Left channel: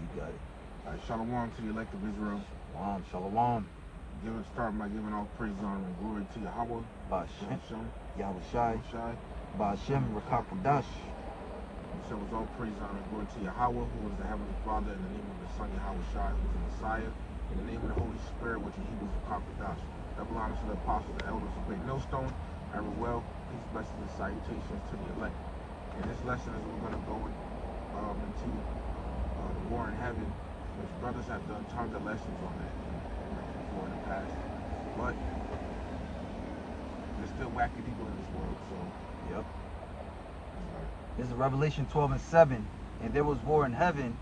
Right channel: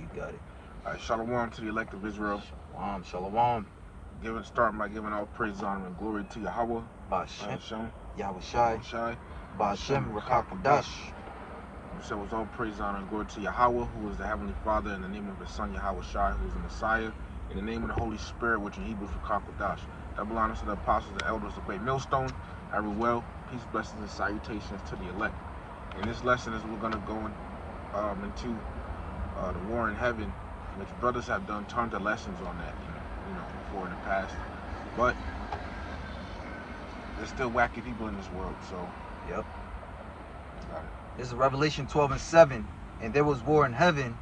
You got it. Shalom to the elect of Israel. Shalom, shalom. Start by giving all praise, honor, and glory to Yahweh, Ba'ashem, Hashem, Yahushai, Shai, Ba'ashem, Rakakadash. You said was all praise, honor, and glory to Yahweh, who is the Heavenly Father, in the name of His Son, Yahweh Shai, who is the Messiah, in the name of the Holy Spirit, which in Hebrew is Rakakadash. Double honors to the apostles, the elders of Bay Millstone. Well, peace, blessings, and salutations to the elect. In this lesson, is we're going to go into the war in heaven, which brothers have done tons of lessons on that, before in the past. But there's still wacky people in this world, so. Yep. Got it. This is Revelation 12:7. And there was war in heaven.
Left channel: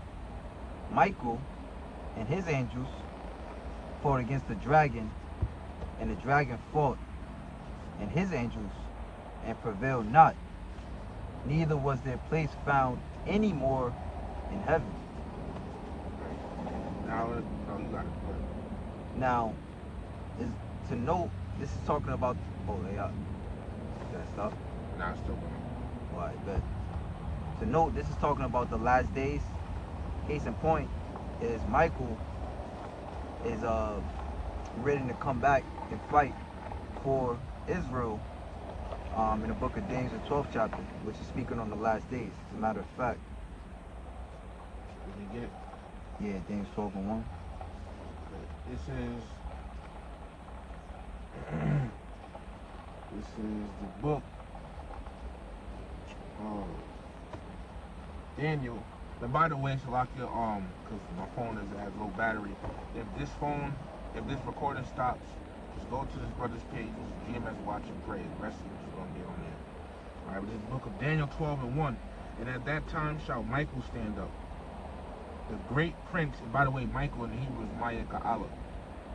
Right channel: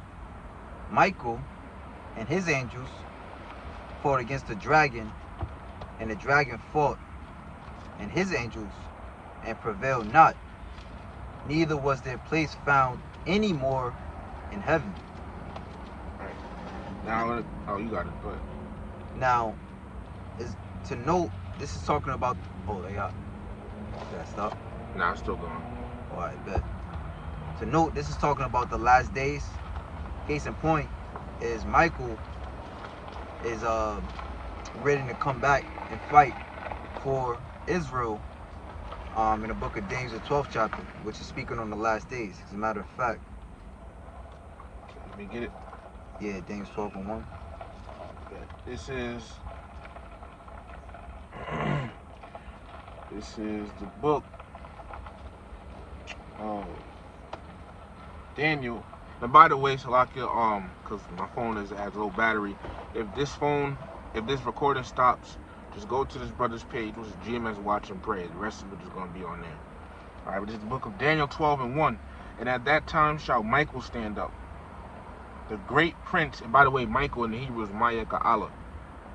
Michael and his angels fought against the dragon, and the dragon fought and his angels and prevailed not. Neither was their place found any more in heaven. Right. Now, you got it. Go ahead. Now, is to note, this is talking about. Oh, they got. That stop. Nah, it's still going. All right, bet. To note, this is talking about the last days. Case in point is Michael is ready to come back and fight for Israel in the book of Daniel, the 12th chapter, which is speaking on the last days, as a matter of fact. Let me get it. Yeah, Daniel 12:1. This is the book of Daniel. And by the way, Salakia, because my phone has low battery. If this recording stops, just go to this brother's page, which is GMS Watch and Pray. The rest of it is going to be on there. All right, but this is the book of Daniel 12:1. And at that time shall Michael stand up, the great prince. And by the way, Michael in the Hebrew is Maya Ka'ala,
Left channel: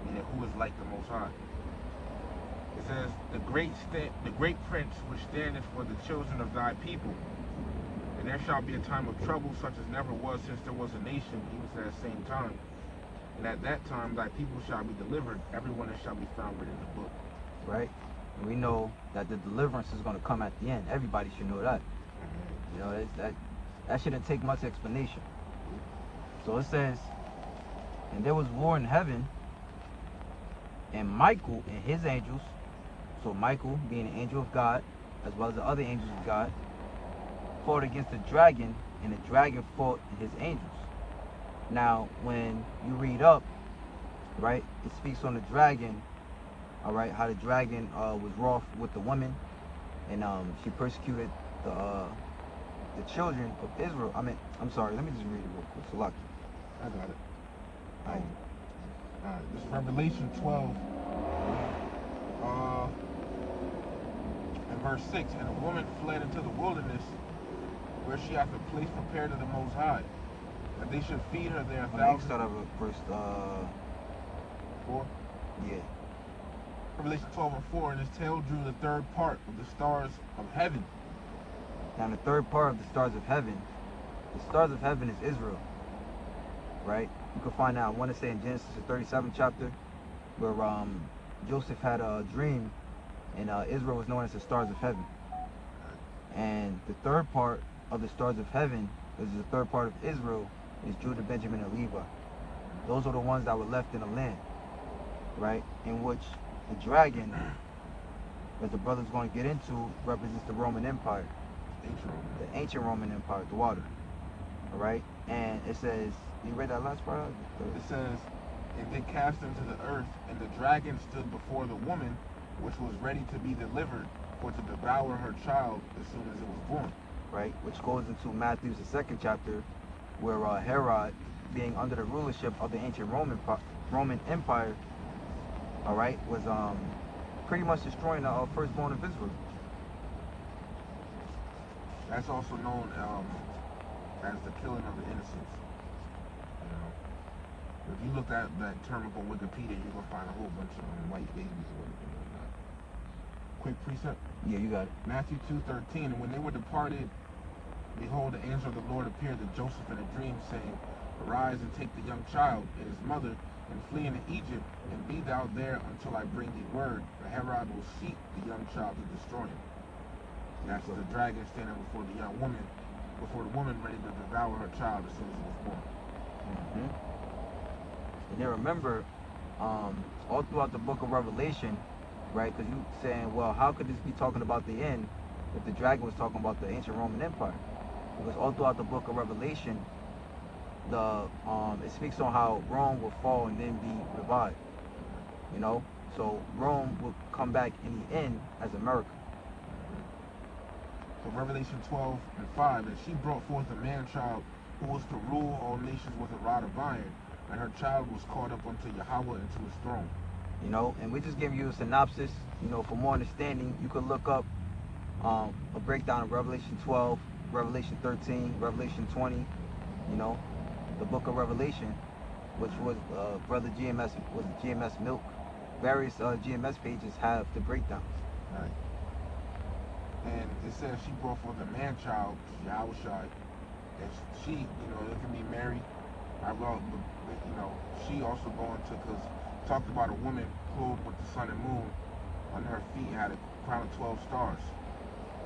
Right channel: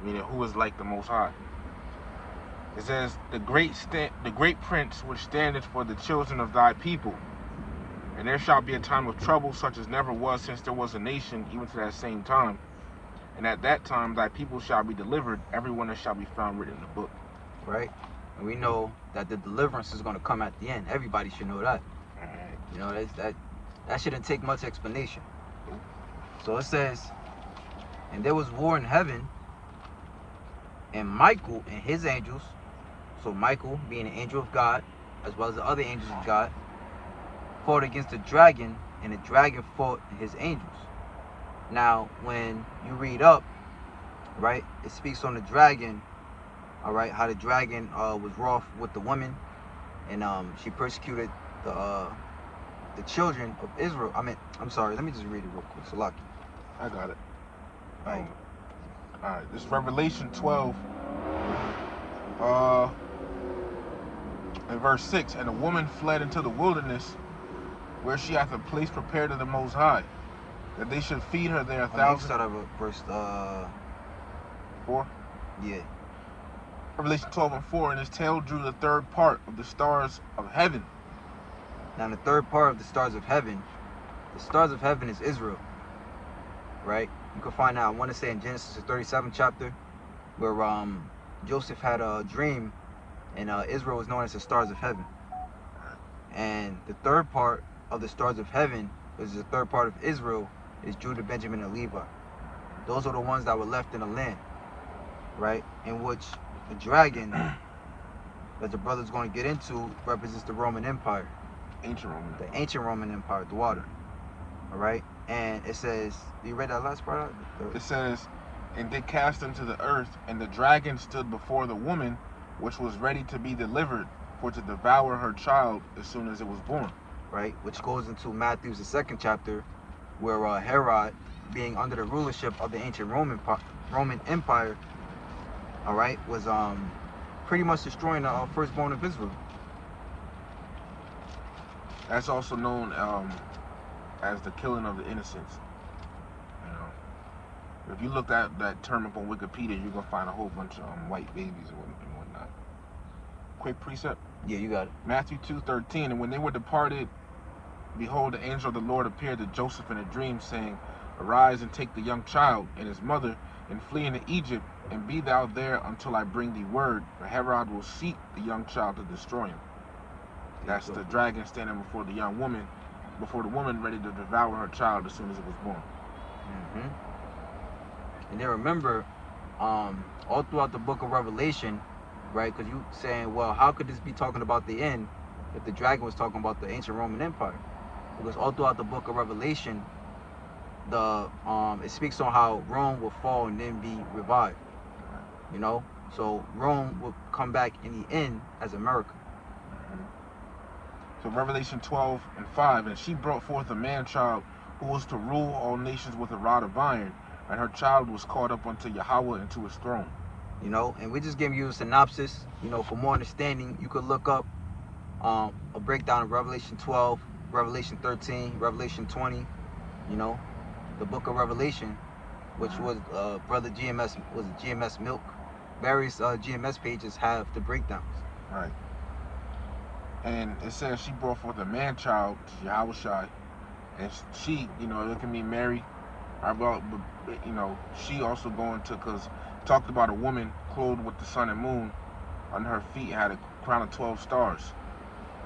meaning who is like the Most High. It says, the great prince which standeth for the children of thy people. And there shall be a time of trouble such as never was since there was a nation, even to that same time. And at that time thy people shall be delivered, everyone that shall be found written in the book. Right? And we know that the deliverance is going to come at the end. Everybody should know that. You know, that shouldn't take much explanation. So it says, and there was war in heaven, and Michael and his angels, so Michael being an angel of God, as well as the other angels of God, fought against the dragon, and the dragon fought his angels. Now, when you read up, right, it speaks on the dragon, all right, how the dragon was wroth with the woman, and she persecuted the children of Israel. I'm sorry, let me just read it real quick. Salaki. I got it. Right. All right, this is Revelation 12, and verse 6. And a woman fled into the wilderness, where she hath a place prepared of the Most High, that they should feed her there 1,000. Start of verse 4. Yeah. Revelation 12:4. And his tail drew the third part of the stars of heaven. Now the third part of the stars of heaven is Israel, right? You can find out, I want to say in Genesis, the 37th chapter, where Joseph had a dream, and Israel was known as the stars of heaven. And the third part of the stars of heaven, which is the third part of Israel, is Judah, Benjamin, and Levi. Those are the ones that were left in the land, right? In which the dragon, that the brother's going to get into, represents the Roman Empire. The ancient Roman Empire, the water. All right? And it says, you read that last part? It says, and did cast him to the earth, and the dragon stood before the woman, which was ready to be delivered, for to devour her child as soon as it was born. Right? Which goes into Matthew's, the 2nd chapter, where Herod, being under the rulership of the ancient Roman Empire, all right, was pretty much destroying the firstborn of Israel. That's also known as the killing of the innocents. You know, if you look at that term up on Wikipedia, you're gonna find a whole bunch of white babies and whatnot. Quick precept. Yeah, you got it. Matthew 2:13. And when they were departed, behold, the angel of the Lord appeared to Joseph in a dream, saying, Arise and take the young child and his mother, and flee into Egypt, and be thou there until I bring thee word, for Herod will seek the young child to destroy him. That's the dragon standing before the young woman, before the woman ready to devour her child as soon as it was born. And then remember, all throughout the book of Revelation, right? Because you saying, well, how could this be talking about the end if the dragon was talking about the ancient Roman Empire? Because all throughout the book of Revelation, the it speaks on how Rome will fall and then be revived. You know, so Rome will come back in the end as America. So Revelation 12:5, and she brought forth a man-child who was to rule all nations with a rod of iron, and her child was caught up unto Yahweh into his throne. You know, and we just give you a synopsis. You know, for more understanding, you could look up a breakdown of Revelation 12, Revelation 13, Revelation 20. You know, the book of Revelation, which was Brother GMS was GMS Milk. Various GMS pages have the breakdowns. Right. And it says she brought forth a man-child, Yahushai, and she, you know, it can be Mary. You know, she also going to, because talked about a woman clothed with the sun and moon. On her feet had a crown of 12 stars.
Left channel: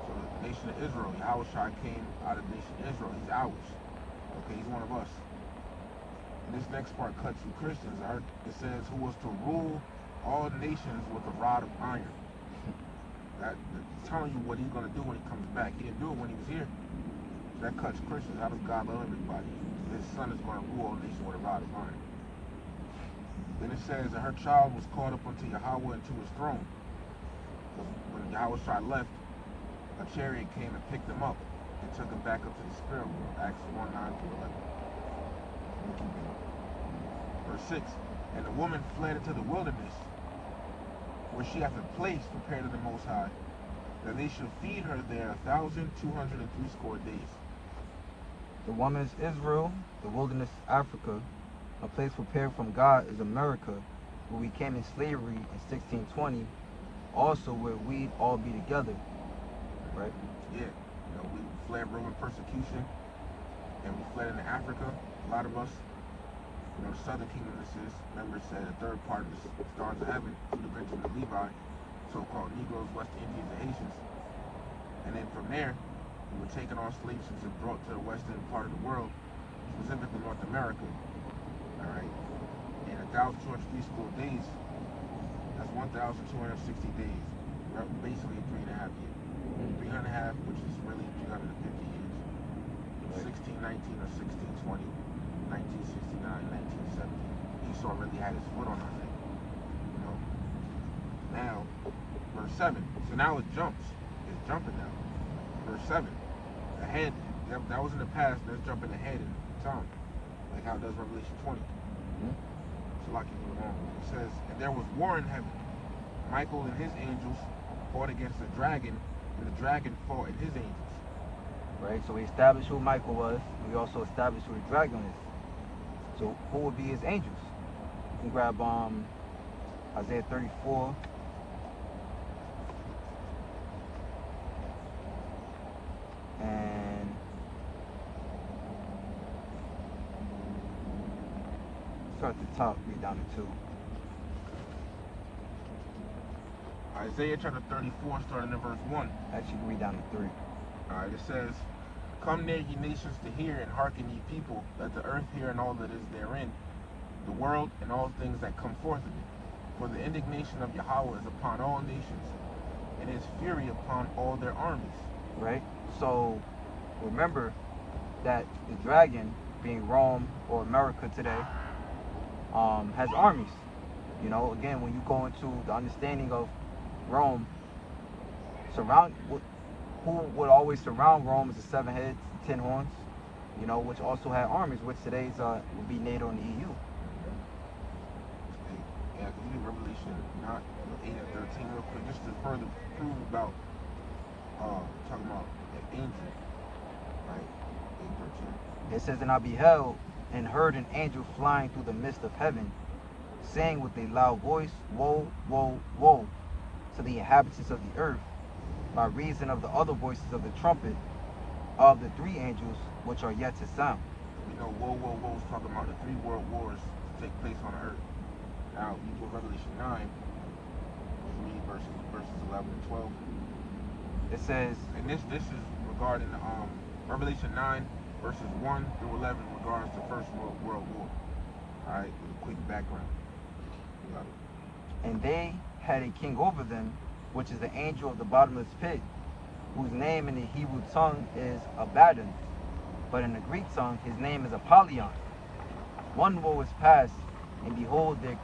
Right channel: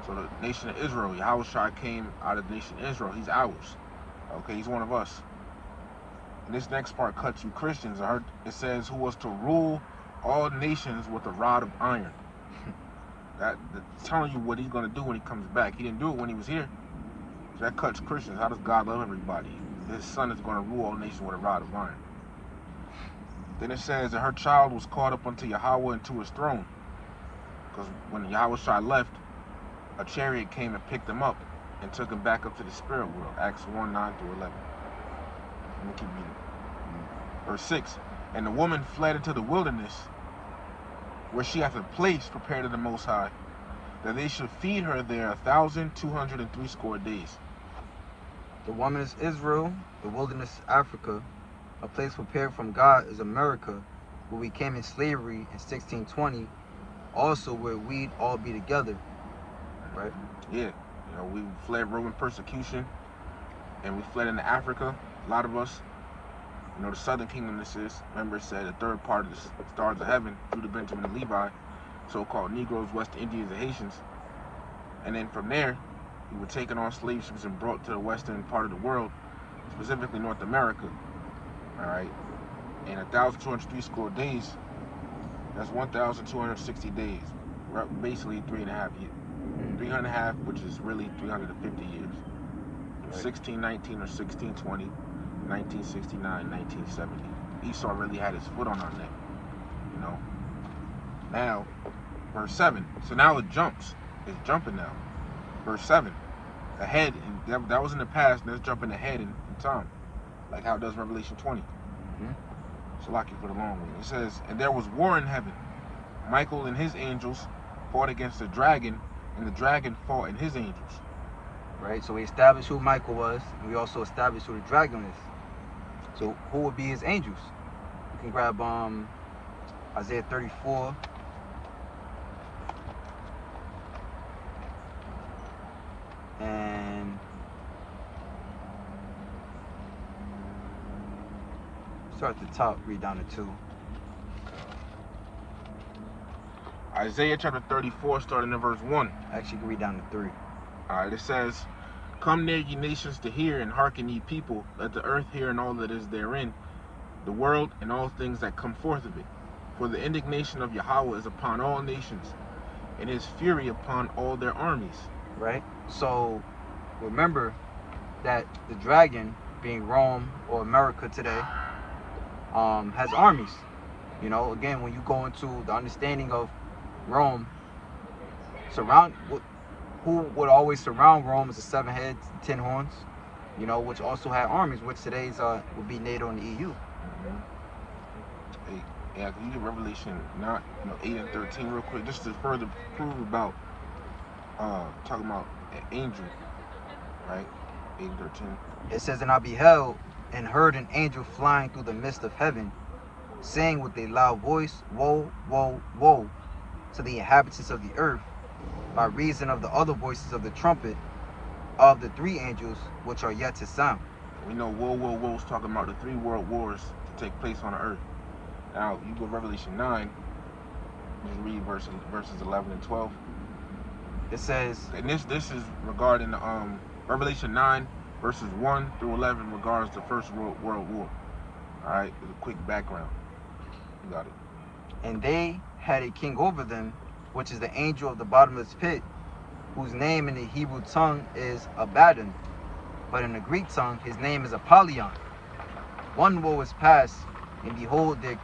So the nation of Israel, Yahushai came out of the nation of Israel. He's ours. Okay, he's one of us. And this next part cuts you Christians. It says, who was to rule all nations with a rod of iron. That's telling you what he's going to do when he comes back. He didn't do it when he was here. So that cuts Christians. How does God love everybody? His son is going to rule all nations with a rod of iron. Then it says that her child was caught up unto Yahweh into his throne. Because when Yahushua left, a chariot came and picked him up and took him back up to the spirit world. Acts 1:9-11. Verse 6. And the woman fled into the wilderness, where she hath a place prepared of the Most High, that they should feed her there 1,260 days. The woman is Israel, the wilderness is Africa, a place prepared from God is America, where we came in slavery in 1620, also where we'd all be together, right? Yeah, you know, we fled Roman persecution, and we fled into Africa, a lot of us. You know, the southern kingdom, this is, remember it said the third part of the stars of heaven, Judah, Benjamin, and Levi, so-called Negroes, West Indians, and Haitians. And then from there, we were taken on slave ships and brought to the western part of the world, specifically North America. All right, and 1,260 days, that's 1,260 days, basically 3.5 years. 3.5, which is really 350 years. 1619 or 1620. 1969, 1970. Esau really had his foot on our neck, you know. Now, verse 7. So now it jumps. It's jumping now. Verse 7. Ahead, that was in the past. Let's jump ahead in time, like how it does Revelation 20. So like you for the wrong way. It says, and there was war in heaven. Michael and his angels fought against the dragon, and the dragon fought and his angels. Right. So we established who Michael was, and we also established who the dragon is. So who would be his angels? You can grab Isaiah 34. And start at the top, read down to 2. Isaiah chapter 34, starting in verse 1. Actually, you can read down to 3. Alright, it says, come near, ye nations, to hear, and hearken, ye people. Let the earth hear, and all that is therein, the world, and all things that come forth of it. For the indignation of Yahweh is upon all nations, and his fury upon all their armies. Right? So, remember that the dragon, being Rome or America today, has armies. You know, again, when you go into the understanding of Rome, who would always surround Rome is the 7 heads, 10 horns, you know, which also had armies, which today's would be NATO and the EU. Yeah, can you get Revelation 8 and 13 real quick, just to further prove about talking about an angel, right? 8 and 13. It says, and I beheld and heard an angel flying through the midst of heaven, saying with a loud voice, woe, woe, woe, to the inhabitants of the earth, by reason of the other voices of the trumpet of the 3 angels which are yet to sound. We know woe, woe, woe is talking about the 3 world wars to take place on the earth. Now, you go to Revelation 9, you read verses 11 and 12. It says, and this is regarding Revelation 9, verses 1 through 11 regards the First World War. All right, a quick background. You got it. And they had a king over them, which is the angel of the bottomless pit, whose name in the Hebrew tongue is Abaddon, but in the Greek tongue his name is Apollyon. One woe is past, and behold, there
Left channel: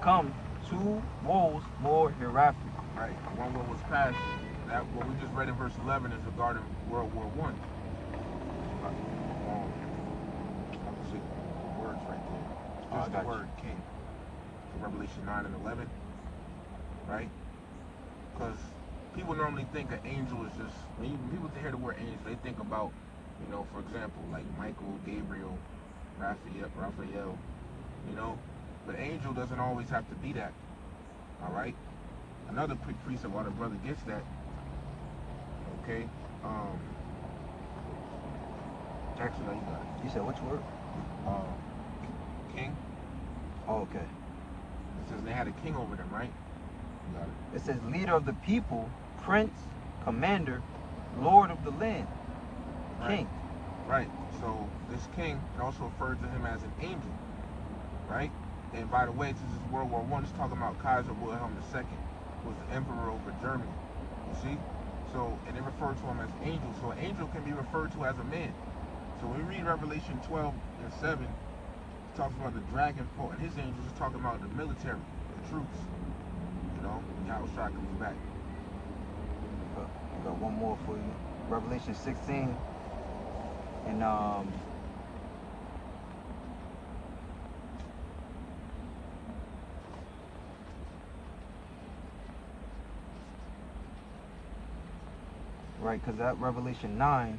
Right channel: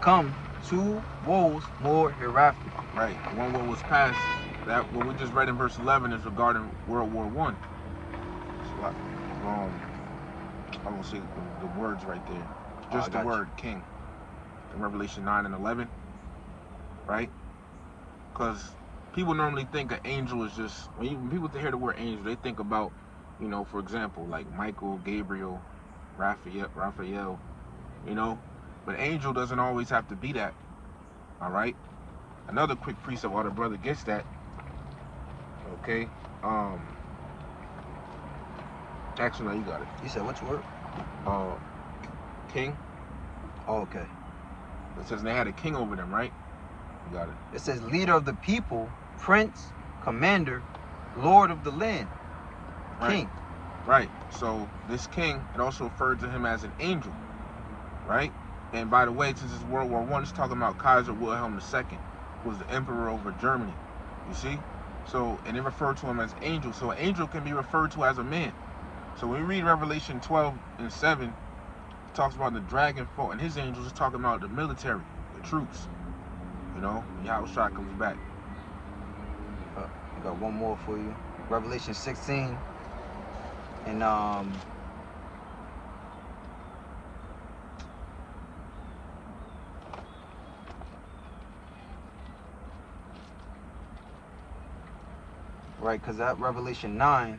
come 2 woes more hereafter. Right, one woe was past. That what we just read in verse 11 is regarding World War One. I won't say the words right there. Just the word king. In Revelation 9 and 11. Right? Because people normally think an angel is just, when people hear the word angel, they think about, you know, for example, like Michael, Gabriel, Raphael, you know. But angel doesn't always have to be that. All right? Another quick precept while the brother gets that. Okay? Actually, no, you got it. You said which word? King. Oh, okay. It says they had a king over them, right? You got it. It says leader of the people, prince, commander, lord of the land, king. Right. So this king, it also referred to him as an angel, right? And by the way, since it's World War I, it's talking about Kaiser Wilhelm II, who was the emperor over Germany. You see? So, and they refer to him as angel. So an angel can be referred to as a man. So when we read Revelation 12 and 7, it talks about the dragon fought, and his angels is talking about the military, the troops. You know, Yahushua comes back. I got one more for you. Revelation 16 and right, because that Revelation 9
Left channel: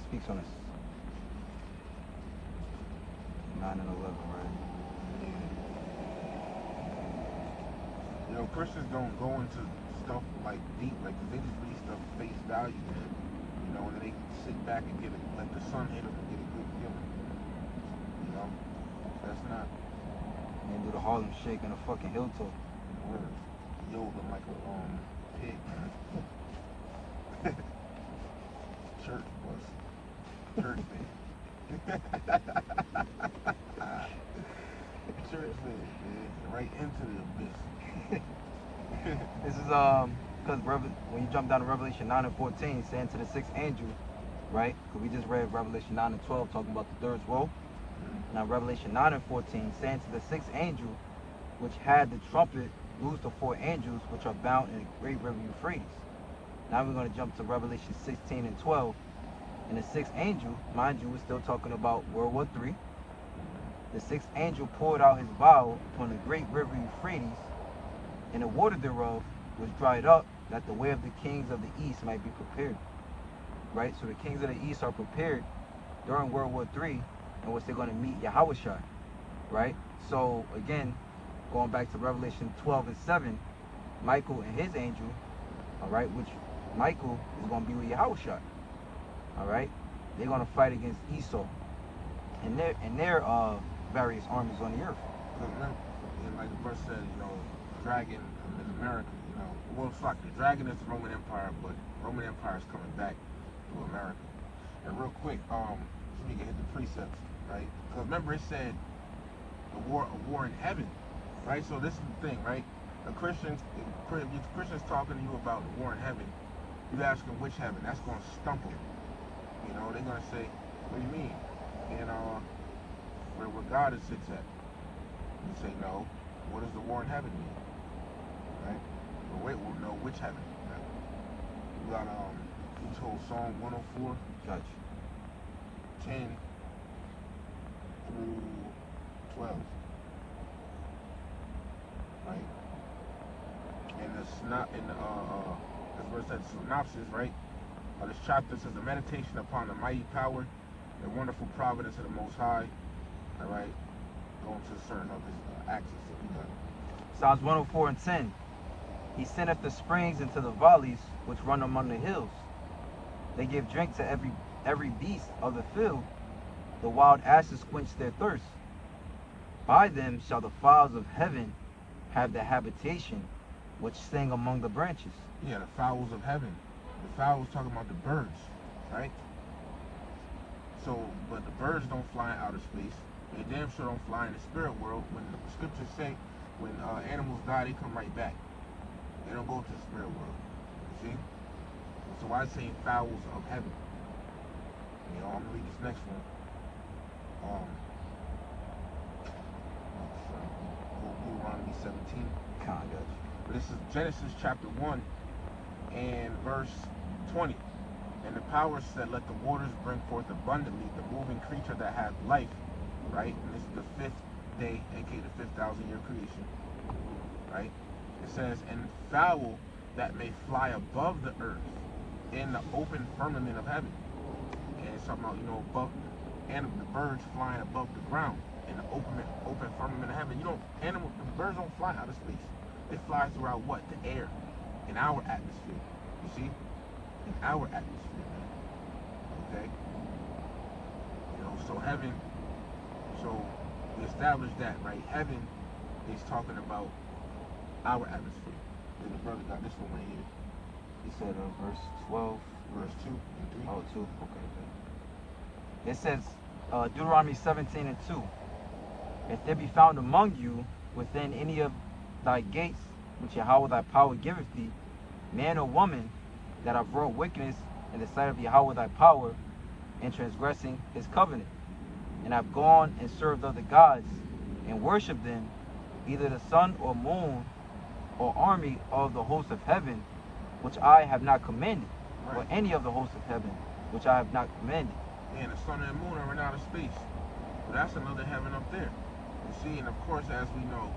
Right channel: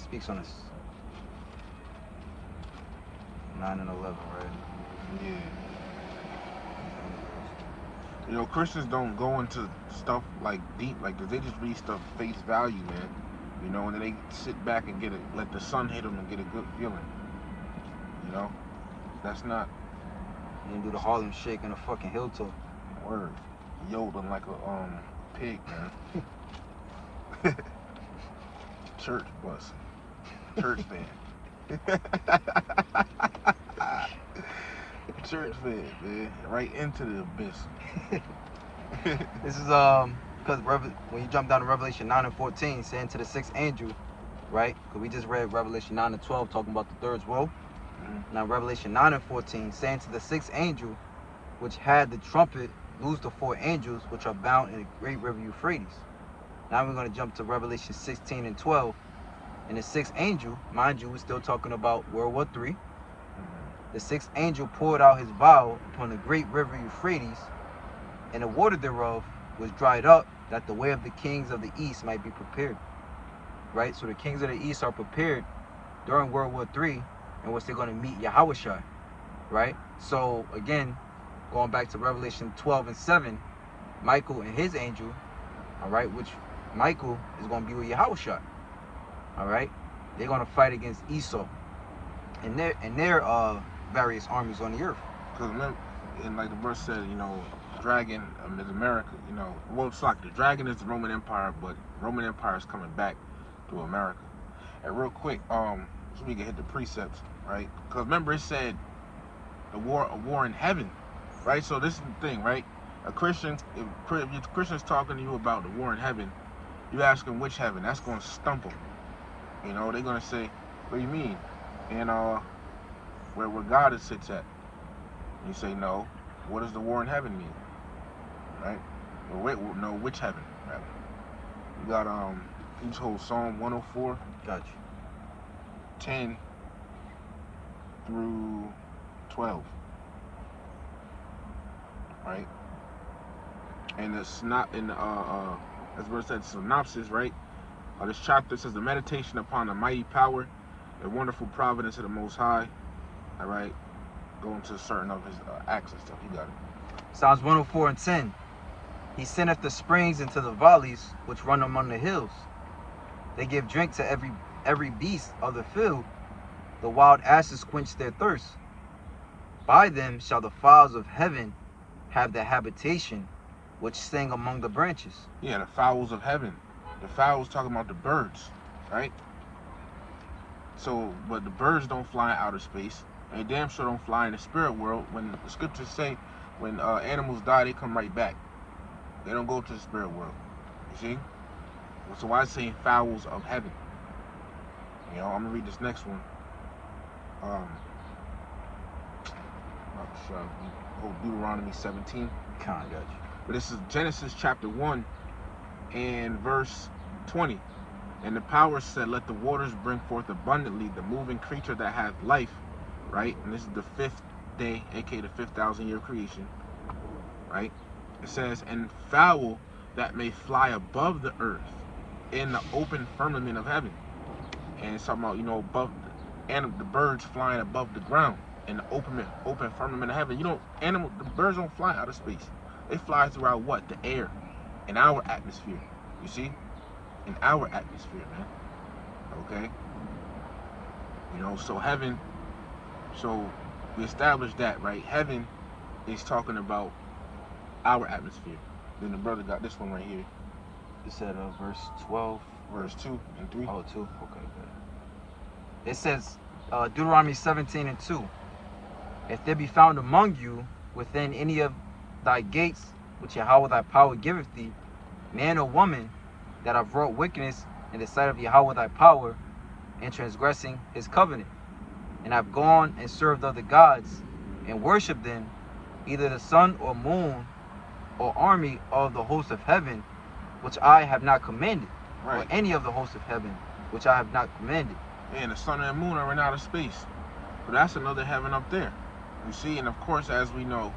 speaks on this 9 and 11, right? Yeah. You know, Christians don't go into stuff like deep, like, cause they just read stuff face value, man. You know, and then they sit back and let the sun hit them and get a good feeling. You know, that's not. You do the Harlem Shake and a fucking hill toe. Word. Yodeling like a pig, man. Church bus. Church band. Church band, man. Right into the abyss. This is because when you jump down to Revelation 9 and 14, saying to the 6th angel, right? Because we just read Revelation 9 and 12 talking about the third woe. Now Revelation 9 and 14 saying to the 6th angel, which had the trumpet, loose the 4 angels which are bound in the great river Euphrates. Now we're going to jump to Revelation 16 and 12. And the 6th angel, mind you, we're still talking about World War III. The 6th angel poured out his vial upon the great river Euphrates, and the water thereof was dried up, that the way of the kings of the east might be prepared. Right? So the kings of the east are prepared during World War III, in which they're going to meet Yahushua. Right? So again, going back to Revelation 12 and 7, Michael and his angel, all right, which Michael is going to be with Yahushua. All right, they're going to fight against Esau and their various armies on the earth. And like the verse said, you know, dragon is America. You know, well, it's like the dragon is the Roman Empire, but Roman Empire is coming back to America. And real quick, so we can hit the precepts, right? Because remember, it said a war in heaven, right? So this is the thing, right? A Christian, if Christian's talking to you about the war in heaven, you ask them which heaven. That's going to stump them. You know, they're going to say, what do you mean? And where God sits at. You say, no. What does the war in heaven mean? Right? Well, wait, no, which heaven? Right? You got, each whole Psalm 104. Gotcha. 10 through 12. Right? And that's what it said, synopsis, right? This chapter says the meditation upon the mighty power, the wonderful providence of the Most High. All right, going to certain of his acts and stuff. You got it. Psalms 104 and 10. He sendeth the springs into the valleys which run among the hills. They give drink to every beast of the field. The wild asses quench their thirst. By them shall the fowls of heaven have their habitation, which sing among the branches. Yeah, the fowls of heaven. The fowls talking about the birds, right? So, but the birds don't fly in outer space. They damn sure don't fly in the spirit world. When the scriptures say, when animals die, they come right back. They don't go to the spirit world. You see? So I say fowls of heaven. You know, I'm gonna read this next one. Deuteronomy 17. Got you. But this is Genesis chapter 1 and verse 20. And the power said, let the waters bring forth abundantly the moving creature that hath life, right? And this is the 5th day, aka the 5,000-year creation, right? It says, and fowl that may fly above the earth in the open firmament of heaven. And it's talking about, you know, above, and the birds flying above the ground in the open firmament of heaven. You don't, the birds don't fly out of space. They fly throughout what? The air, in our atmosphere. You see? In our atmosphere, man. Okay? You know, so heaven, so we established that, right? Heaven is talking about our atmosphere. Then the brother got this one right here. It said verse 12. Verse 2 and 3. Oh, 2. Okay. It says, Deuteronomy 17 and 2. If there be found among you within any of thy gates, which Yahweh thy power giveth thee, man or woman, that have wrought wickedness in the sight of Yahweh thy power, in transgressing his covenant, and have gone and served other gods, and worshipped them, either the sun or moon, or army of the host of heaven, which I have not commanded, Right. or any of the hosts of heaven, which I have not commanded. And the sun and the moon are in outer space. But that's another heaven up there. You see, and of course, as we know,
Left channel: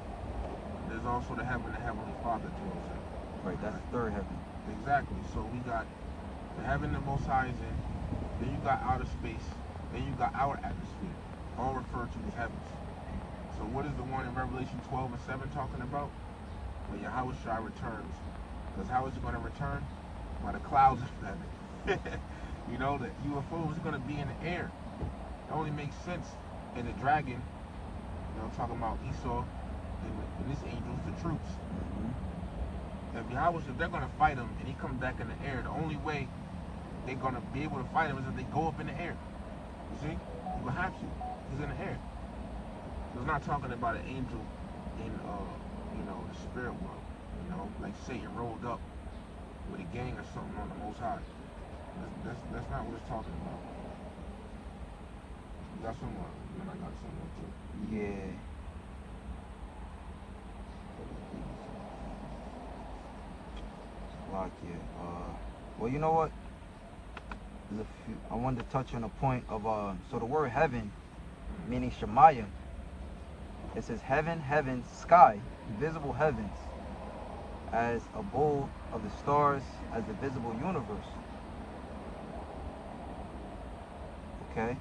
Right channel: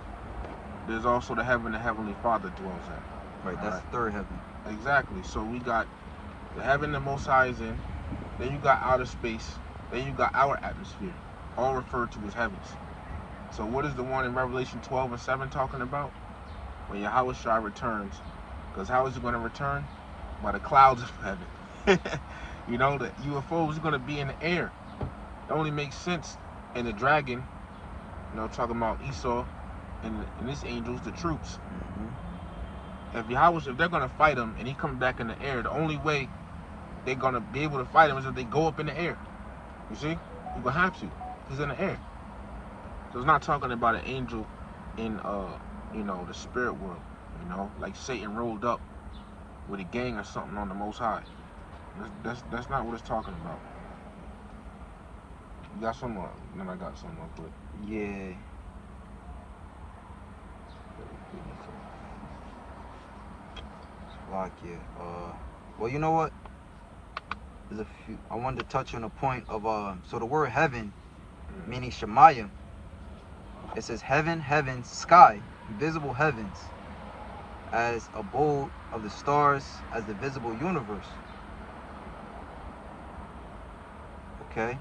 there's also the heaven the Heavenly Father dwells in. Right, that's the third heaven. Exactly. So we got the heaven the Most High is in, then you got outer space, then you got our atmosphere, all referred to as heavens. So what is the one in Revelation 12 and 7 talking about? When Yahweh Shai returns. Because how is he going to return? By the clouds of heaven. You know, the UFO is going to be in the air. It only makes sense. And the dragon, you know, talking about Esau and this angel's the troops. If they're going to fight him and he comes back in the air, the only way they're going to be able to fight him is if they go up in the air. You see? You're going to have to. He's in the air. So it's not talking about an angel in, you know, the spirit world. You know, like Satan rolled up with a gang or something on the Most High. That's not what it's talking about. You got some more, then I got some more quick. Yeah. Lock, yeah. Well, you know what? There's a few. I wanted to touch on a point of so the word heaven, meaning Shemayim. It says heaven, heavens, sky, visible heavens, as abode of the stars, as the visible universe. Okay.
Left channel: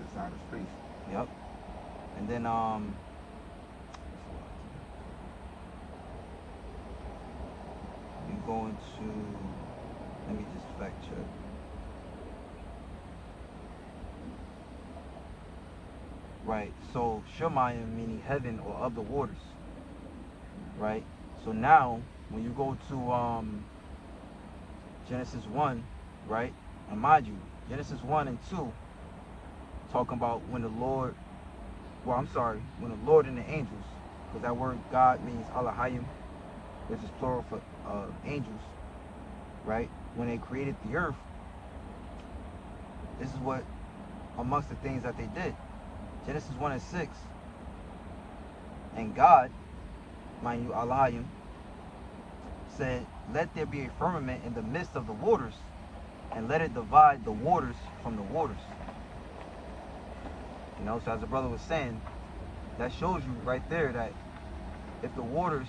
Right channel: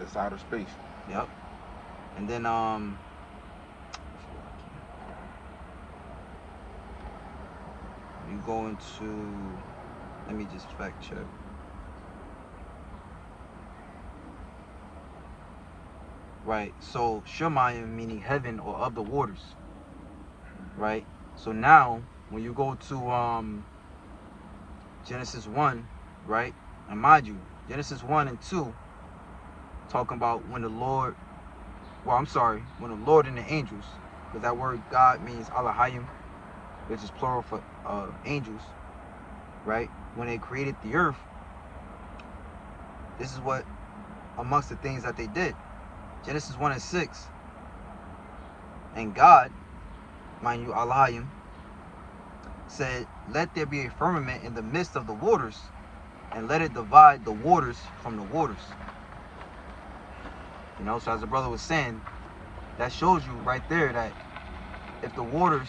Just outer space. Yep. And then you go into, let me just fact check. Right, so Shemayim meaning heaven or of the waters. Right? So now when you go to Genesis 1, right? And mind you, Genesis 1 and 2 talking about when the Lord, when the Lord and the angels, because that word God means Elohim, which is plural for angels, right? When they created the earth, this is what amongst the things that they did. Genesis 1 and 6. And God, mind you, Elohim, said, let there be a firmament in the midst of the waters, and let it divide the waters from the waters. You know, so as the brother was saying, that shows you right there that if the waters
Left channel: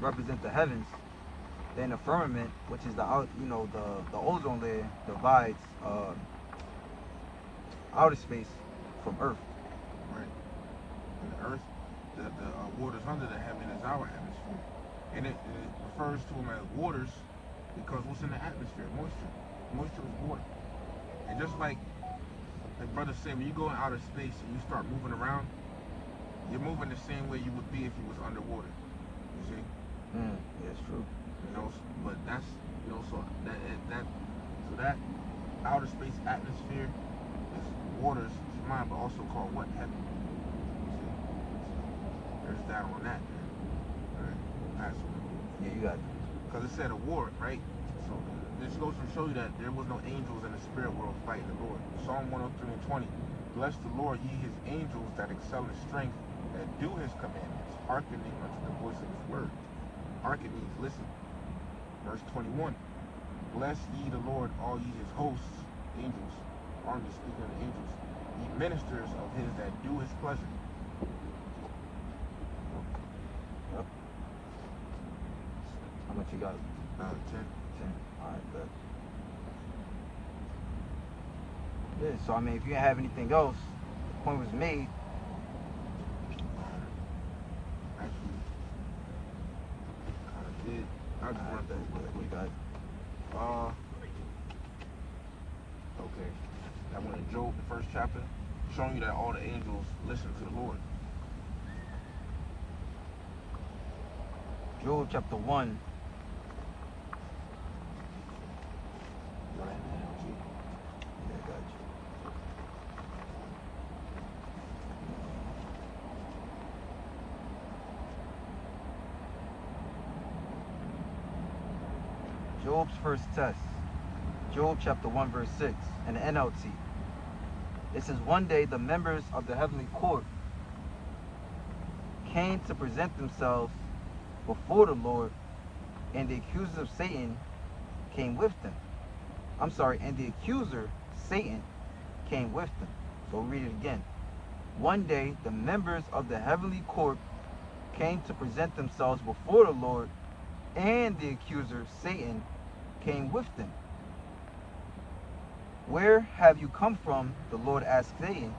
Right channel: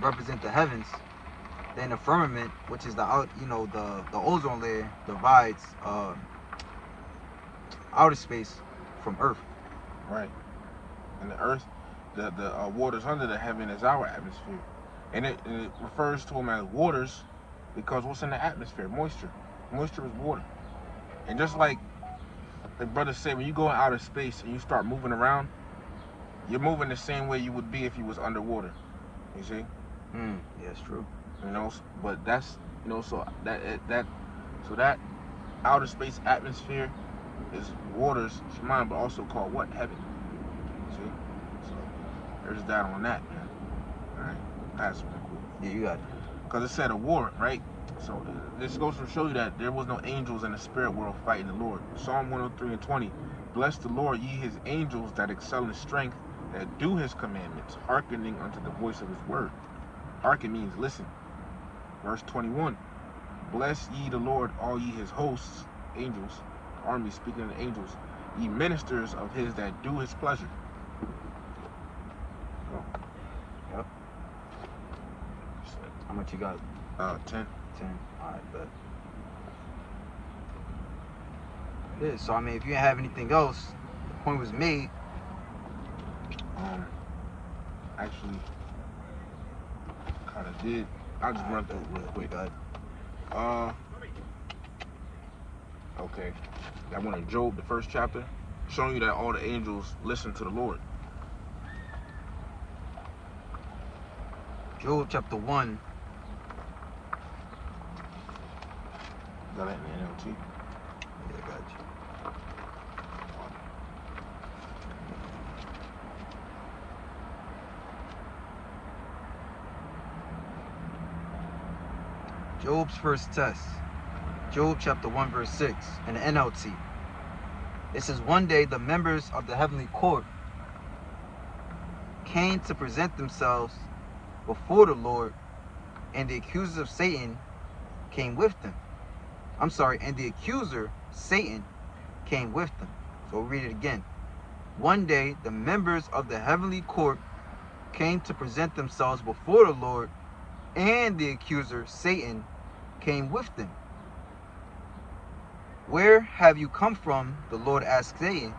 represent the heavens, then the firmament, which is the ozone layer, divides outer space from earth. Right. And the earth, the waters under the heaven is our atmosphere. And it refers to them as waters because what's in the atmosphere? Moisture. Moisture is water. And just like the brother said, when you go in outer space and you start moving around, you're moving the same way you would be if you was underwater. You see? Yeah, it's true. You know, but that's, you know, so that outer space atmosphere is waters, it's mine, but also called what? Heaven. See? So there's that on that, man. Alright, pass me. Yeah, you got it. Because it said a war, right? So this goes to show you that there was no angels in the spirit world fighting the Lord. Psalm 103:20. Bless the Lord, ye his angels that excel in strength, that do his commandments, hearkening unto the voice of his word. Hearken means listen. Verse 21. Bless ye the Lord, all ye his hosts, angels, army speaking of the angels, ye ministers of his that do his pleasure. Go. Yep. How much you got? 10. 10. Alright, bet. Yeah, so I mean, if you didn't have anything else, the point was made. Actually, kind of did. I'll just run through it real quick. Okay. That one in Job, the first chapter, showing you that all the angels listen to the Lord. Job chapter 1. Is that in the NLT? Yeah, got you. Job's first test. Job chapter 1 verse 6 in the NLT. It says, one day the members of the heavenly court came to present themselves before the Lord, and the accusers of Satan came with them. And the accuser, Satan, came with them. So read it again. One day the members of the heavenly court came to present themselves before the Lord, and the accuser, Satan, came with them. Where have you come from? The Lord asked Satan.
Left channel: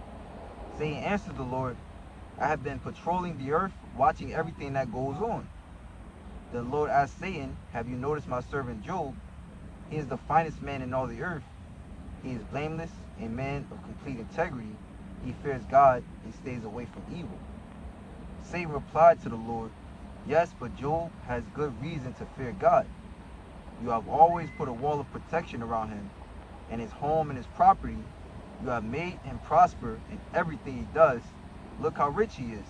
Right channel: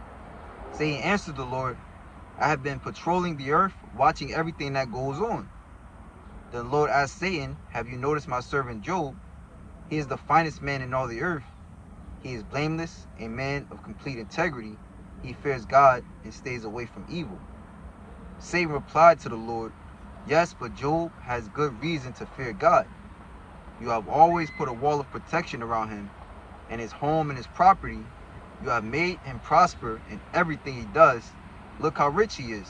Satan answered the Lord, I have been patrolling the earth, watching everything that goes on. The Lord asked Satan, have you noticed my servant Job? He is the finest man in all the earth. He is blameless, a man of complete integrity. He fears God and stays away from evil. Satan replied to the Lord, yes, but Job has good reason to fear God. You have always put a wall of protection around him and his home and his property. You have made him prosper in everything he does. Look how rich he is.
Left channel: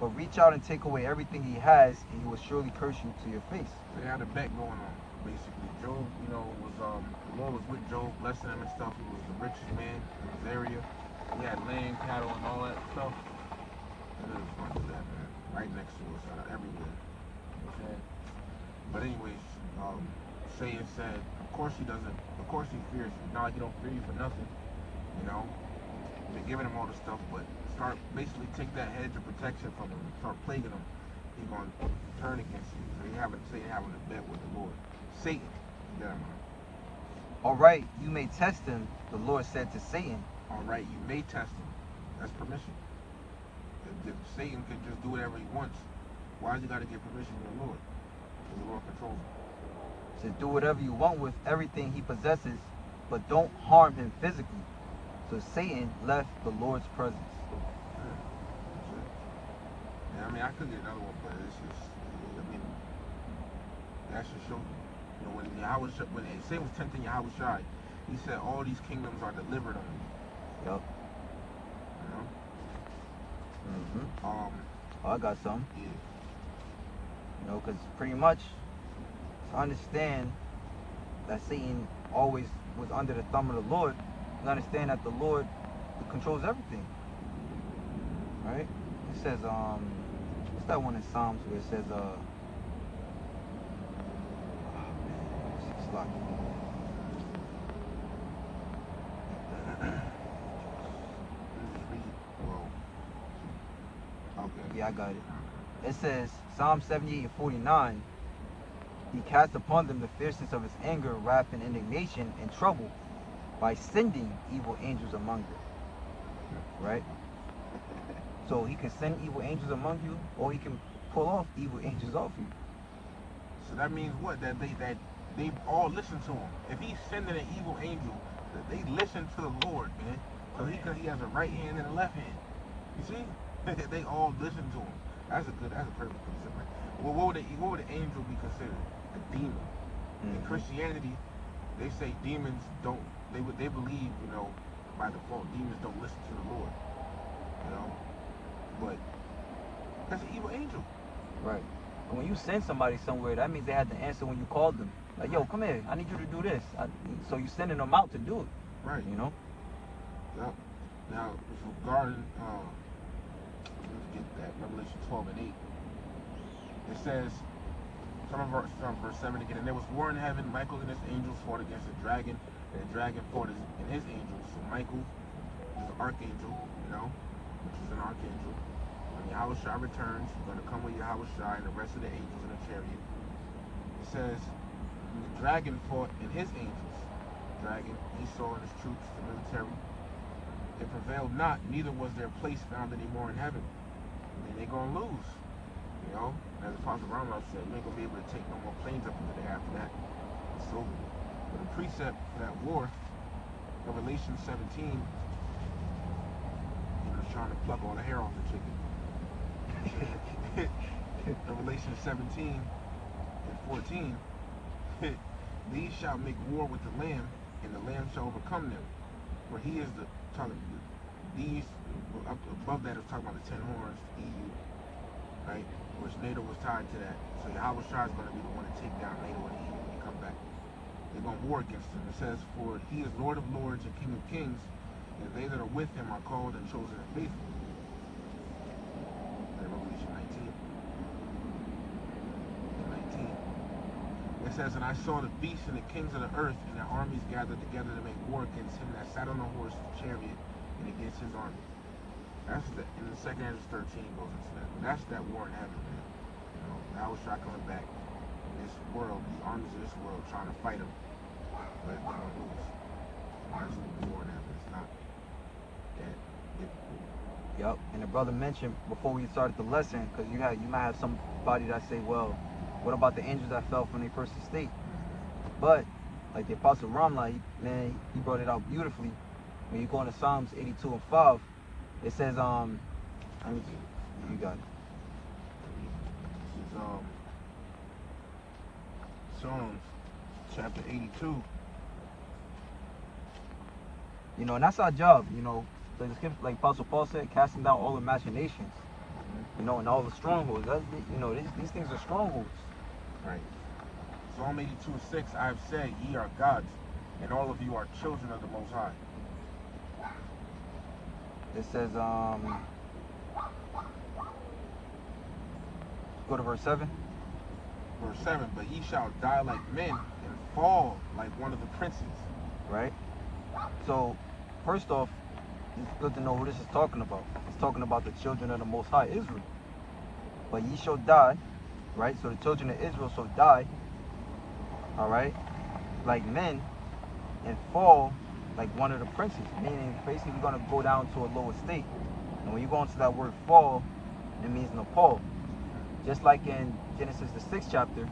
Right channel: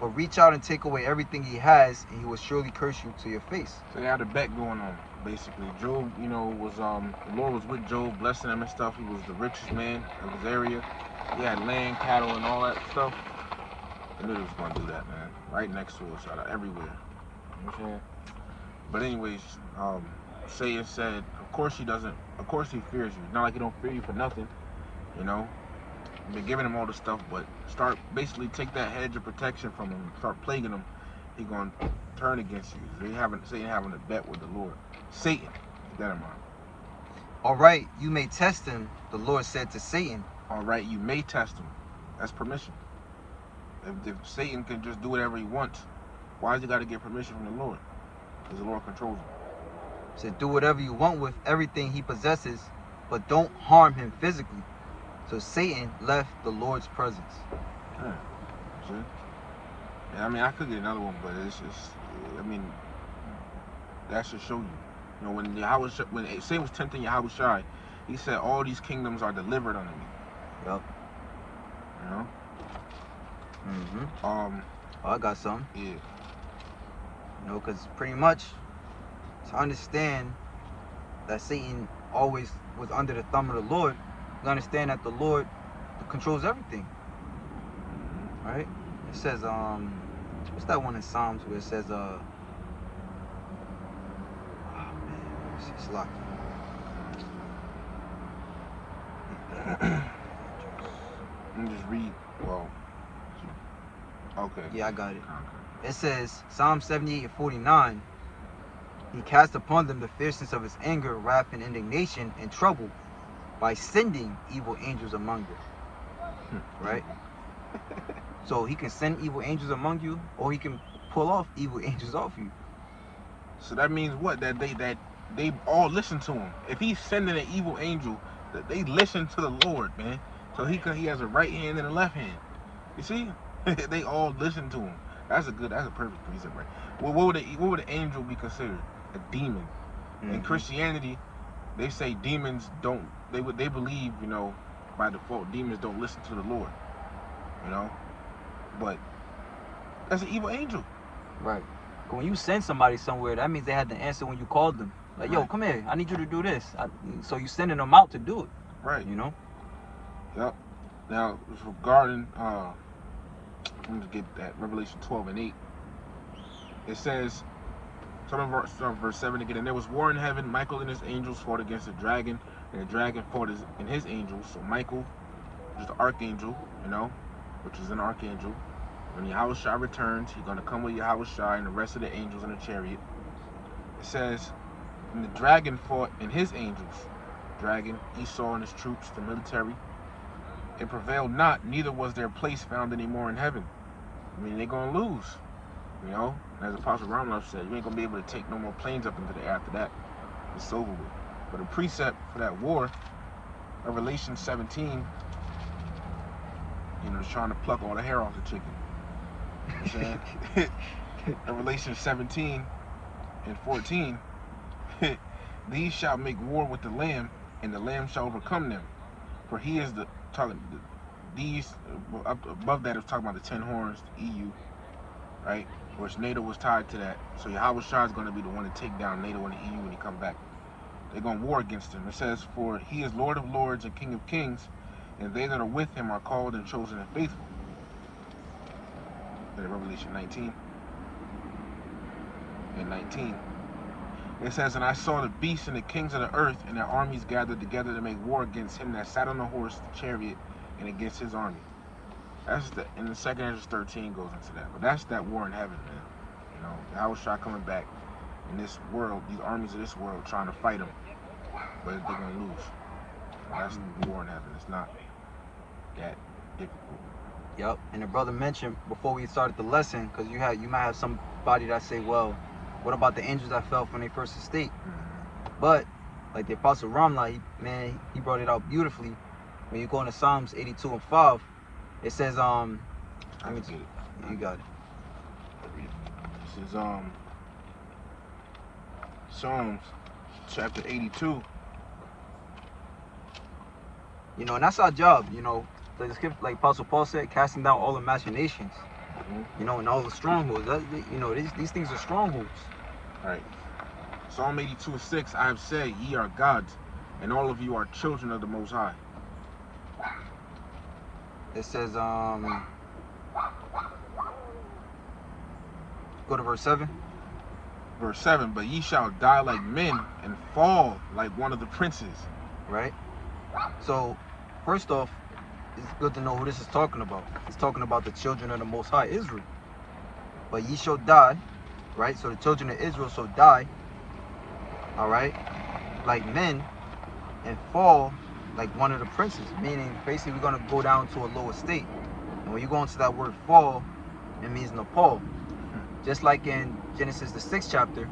But reach out and take away everything he has, and he will surely curse you to your face. So they had a bet going on, basically. Job, you know, was the Lord was with Job, blessing him and stuff. He was the richest man of his area. He had land, cattle, and all that stuff. They knew they was gonna do that, man. Right next to us, out of everywhere. You know what I'm saying? But anyways, Satan said, of course he fears you. Not like he don't fear you for nothing, you know. You've been giving him all this stuff, but basically take that hedge of protection from him and start plaguing him. He's gonna turn against you. So Satan having a bet with the Lord. Satan, keep that in mind. All right, you may test him, the Lord said to Satan. All right, you may test him. That's permission. If Satan can just do whatever he wants, why does he got to get permission from the Lord? Because the Lord controls him. He said, do whatever you want with everything he possesses, but don't harm him physically. So Satan left the Lord's presence. Yeah. Sure. Yeah, I mean, I could get another one, but it's just, I mean, that should show you. You know, when Satan was tempting Yahushua, he said, all these kingdoms are delivered unto me. Yup. You know? Oh, I got some. Yeah. You know, because pretty much to understand that Satan always was under the thumb of the Lord, you understand that the Lord controls everything. Right? It says, what's that one in Psalms where it says, oh man, it's locked. Let me just read. Well, okay. Yeah, I got it. It says, Psalm 78:49, he cast upon them the fierceness of his anger, wrath, and indignation, and trouble, by sending evil angels among them. Right? So he can send evil angels among you, or he can pull off evil angels off you. So that means what? That they all listen to him. If he's sending an evil angel, that they listen to the Lord, man. So he has a right hand and a left hand. You see? They all listen to him. That's a perfect precept, right? Well, what would an angel be considered? A demon. In Christianity, they say demons don't. They believe, by default, demons don't listen to the Lord. But that's an evil angel. Right. When you send somebody somewhere, that means they had to answer when you called them. Like, yo, come here. I need you to do this. So you sending them out to do it. Right. Yep. Now, regarding, let me get that, Revelation 12 and 8. It says, starting verse 7 again, and there was war in heaven. Michael and his angels fought against the dragon, and the dragon fought and his angels. So Michael is the archangel, which is an archangel. When Yahushua returns, he's going to come with Yahushua and the rest of the angels in a chariot. It says, and the dragon fought and his angels. Dragon, Esau and his troops, the military. It prevailed not, neither was their place found anymore in heaven. I mean, they're going to lose. As Apostle Ramloff said, you ain't going to be able to take no more planes up into the air after that. It's over with. But a precept for that war, Revelation 17, is trying to pluck all the hair off the chicken. Revelation 17 and 14, these shall make war with the Lamb, and the Lamb shall overcome them. For he is these, up above that, is talking about the 10 horns, the EU, right? Which NATO was tied to that. So Yahushua is going to be the one to take down NATO and the EU when he come back. They're going to war against him. It says, for he is Lord of lords and King of kings, and they that are with him are called and chosen and faithful. Revelation 19 and 19. It says, and I saw the beasts and the kings of the earth and their armies gathered together to make war against him that sat on the horse, the chariot, and against his army. That's and the 2 Ezra 13 goes into that. But that's that war in heaven, man. Yahushua coming back in this world, these armies of this world trying to fight him, but they're gonna lose. That's the war in heaven. It's not that difficult. Yep, and the brother mentioned before we started the lesson, because you might have somebody that say, well, what about the angels that fell from their first estate? But like the Apostle Ramla, he brought it out beautifully. When you go into Psalms 82 and 5, it says, you got it. This is Psalms chapter 82. And that's our job. The script, like Apostle Paul said, casting down all imaginations, and all the strongholds. These things are strongholds. Right. Psalm 82 and 6, I have said, ye are gods, and all of you are children of the Most High. It says, go to verse 7. Verse 7, but ye shall die like men and fall like one of the princes. Right. So, first off, it's good to know who this is talking about. It's talking about the children of the Most High, Israel. But ye shall die, right? So the children of Israel shall die, all right, like men, and fall like one of the princes. Meaning, basically, we're going to go down to a lower state. And when you go into that word fall, it means Nepal. Just like in Genesis, the 6th chapter,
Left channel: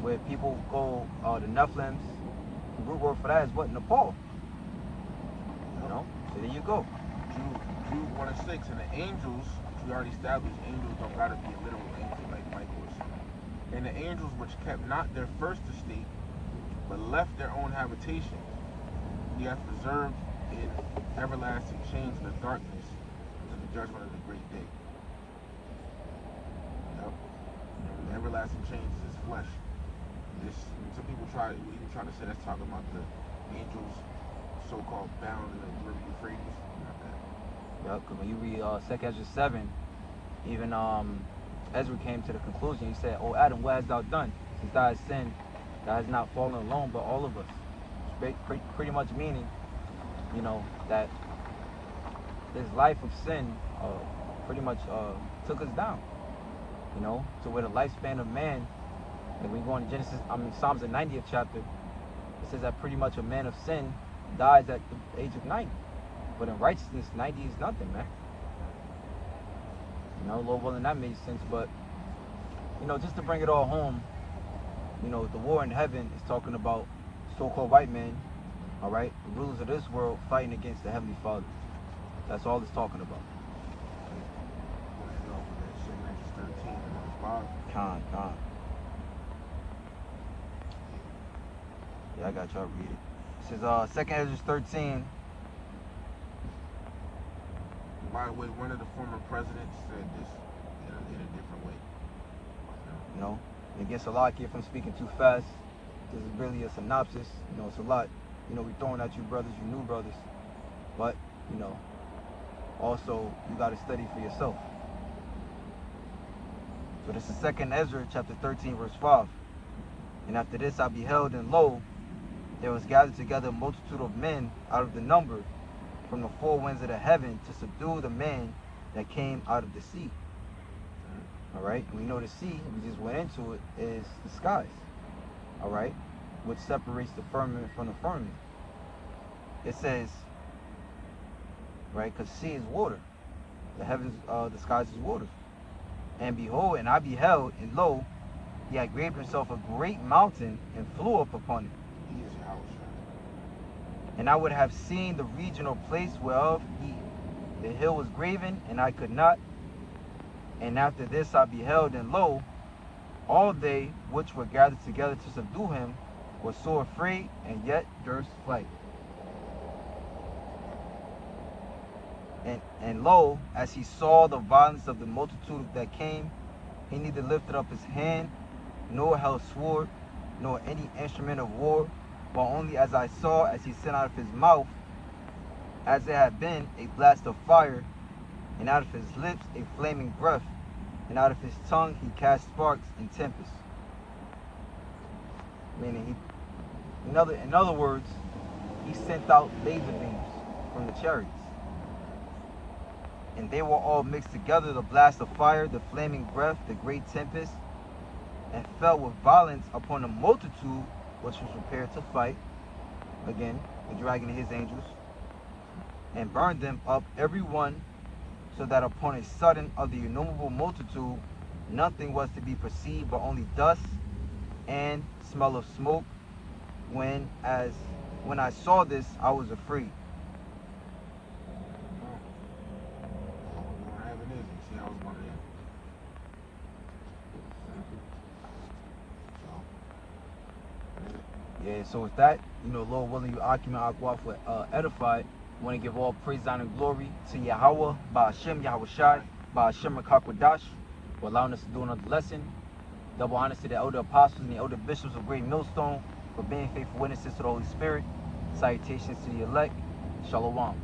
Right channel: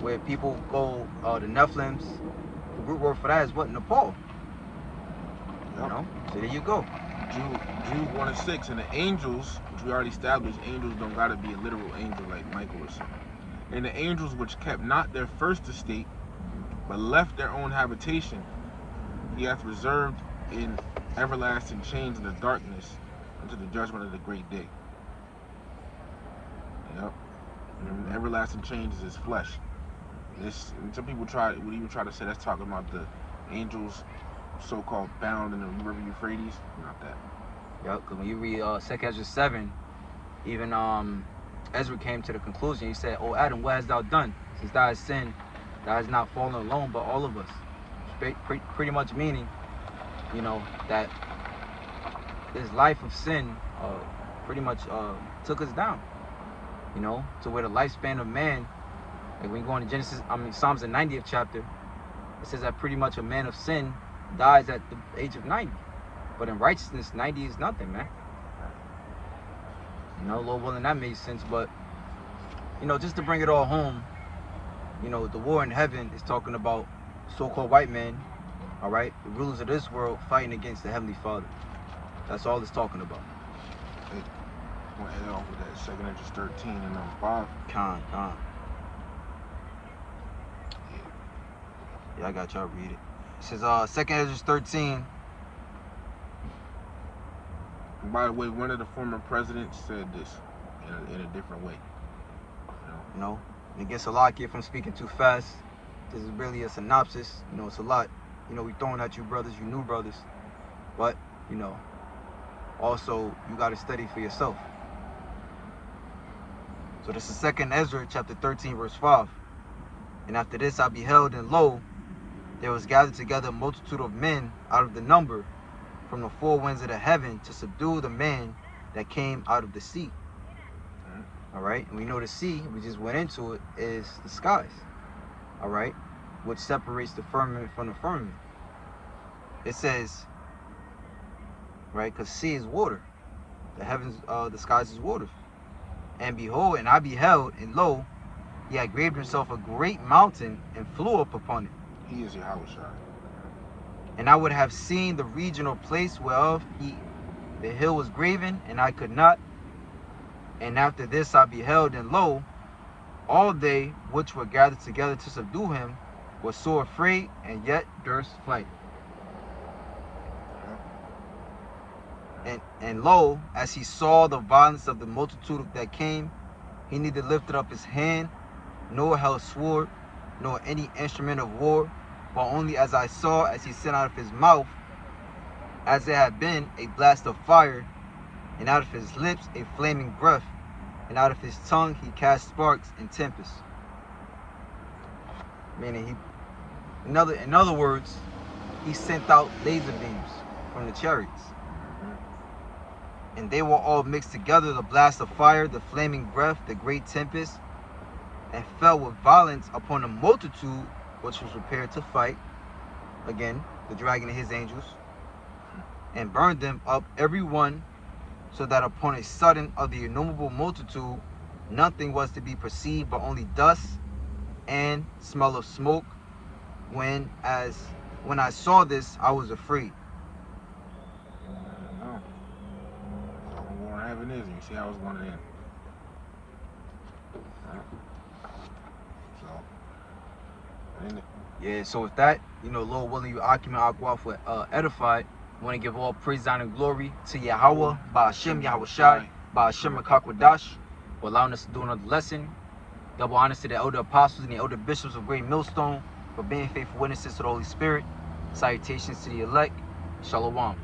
where people go, the Nephilims, the root word for that is what? Nepal. So there you go. Jude 1 and 6, and the angels, which we already established, angels don't gotta be a literal angel like Michael or something. And the angels which kept not their first estate, but left their own habitation, he hath reserved in everlasting chains in the darkness unto the judgment of the great day. And everlasting chains is his flesh. And some people would even try to say that's talking about the angels so-called bound in the river Euphrates. Not that. Yep, because when you read 2 Ezra 7, even Ezra came to the conclusion. He said, "O Adam, what hast thou done? Since thou hast sinned, thou hast not fallen alone, but all of us." Pretty much meaning, that this life of sin pretty much took us down. To where the lifespan of man, like when you go into Psalms the 90th chapter, it says that pretty much a man of sin dies at the age of 90. But in righteousness, 90 is nothing, man. Lord willing, that made sense. But, just to bring it all home, the war in heaven is talking about so-called white men, all right, the rulers of this world fighting against the Heavenly Father. That's all it's talking about. L, that second Esdras 13 and number 5. Con. Yeah, I got y'all read it. It says, second Esdras 13. And by the way, one of the former presidents said this in a different way. You know, and against Salakia if I'm speaking too fast. This is really a synopsis. You know, it's a lot. You know, we throwing at you brothers, you new brothers. But, you know, also you got to study for yourself. So this is second Ezra chapter 13 verse 5. And after this I beheld, and lo, there was gathered together a multitude of men out of the number from the four winds of the heaven to subdue the man that came out of the sea. Alright, and we know the sea, we just went into it, is the skies. Alright, which separates the firmament from the firmament. It says, right, because sea is water. The heavens, the skies is water. And behold, and I beheld, and lo, he had graved himself a great mountain and flew up upon it. He is Yahushua. And I would have seen the regional place whereof the hill was graven, and I could not. And after this I beheld, and lo, all they which were gathered together to subdue him were sore afraid, and yet durst fight. And lo, as he saw the violence of the multitude that came, he neither lifted up his hand, nor held sword, nor any instrument of war, but only as I saw, as he sent out of his mouth, as it had been a blast of fire, and out of his lips a flaming breath, and out of his tongue he cast sparks and tempests. Meaning, in other words, he sent out laser beams from the chariots. And they were all mixed together, the blast of fire, the flaming breath, the great tempest, and fell with violence upon the multitude which was prepared to fight, again, the dragon and his angels, and burned them up every one, so that upon a sudden of the innumerable multitude nothing was to be perceived but only dust and smell of smoke. When I saw this, I was afraid. What happened is, you see how it's going to end. Yeah, so with that, you know, Lord willing, you Akiman Akwaf were edified. I want to give all praise, honor, and glory to Yahweh, Ba'ashem, Yahushai, Ba'ashem, Akakwadash, for allowing us to do another lesson. Double honors to the elder apostles and the elder bishops of Great Millstone for being faithful witnesses to the Holy Spirit. Salutations to the elect. Shalom.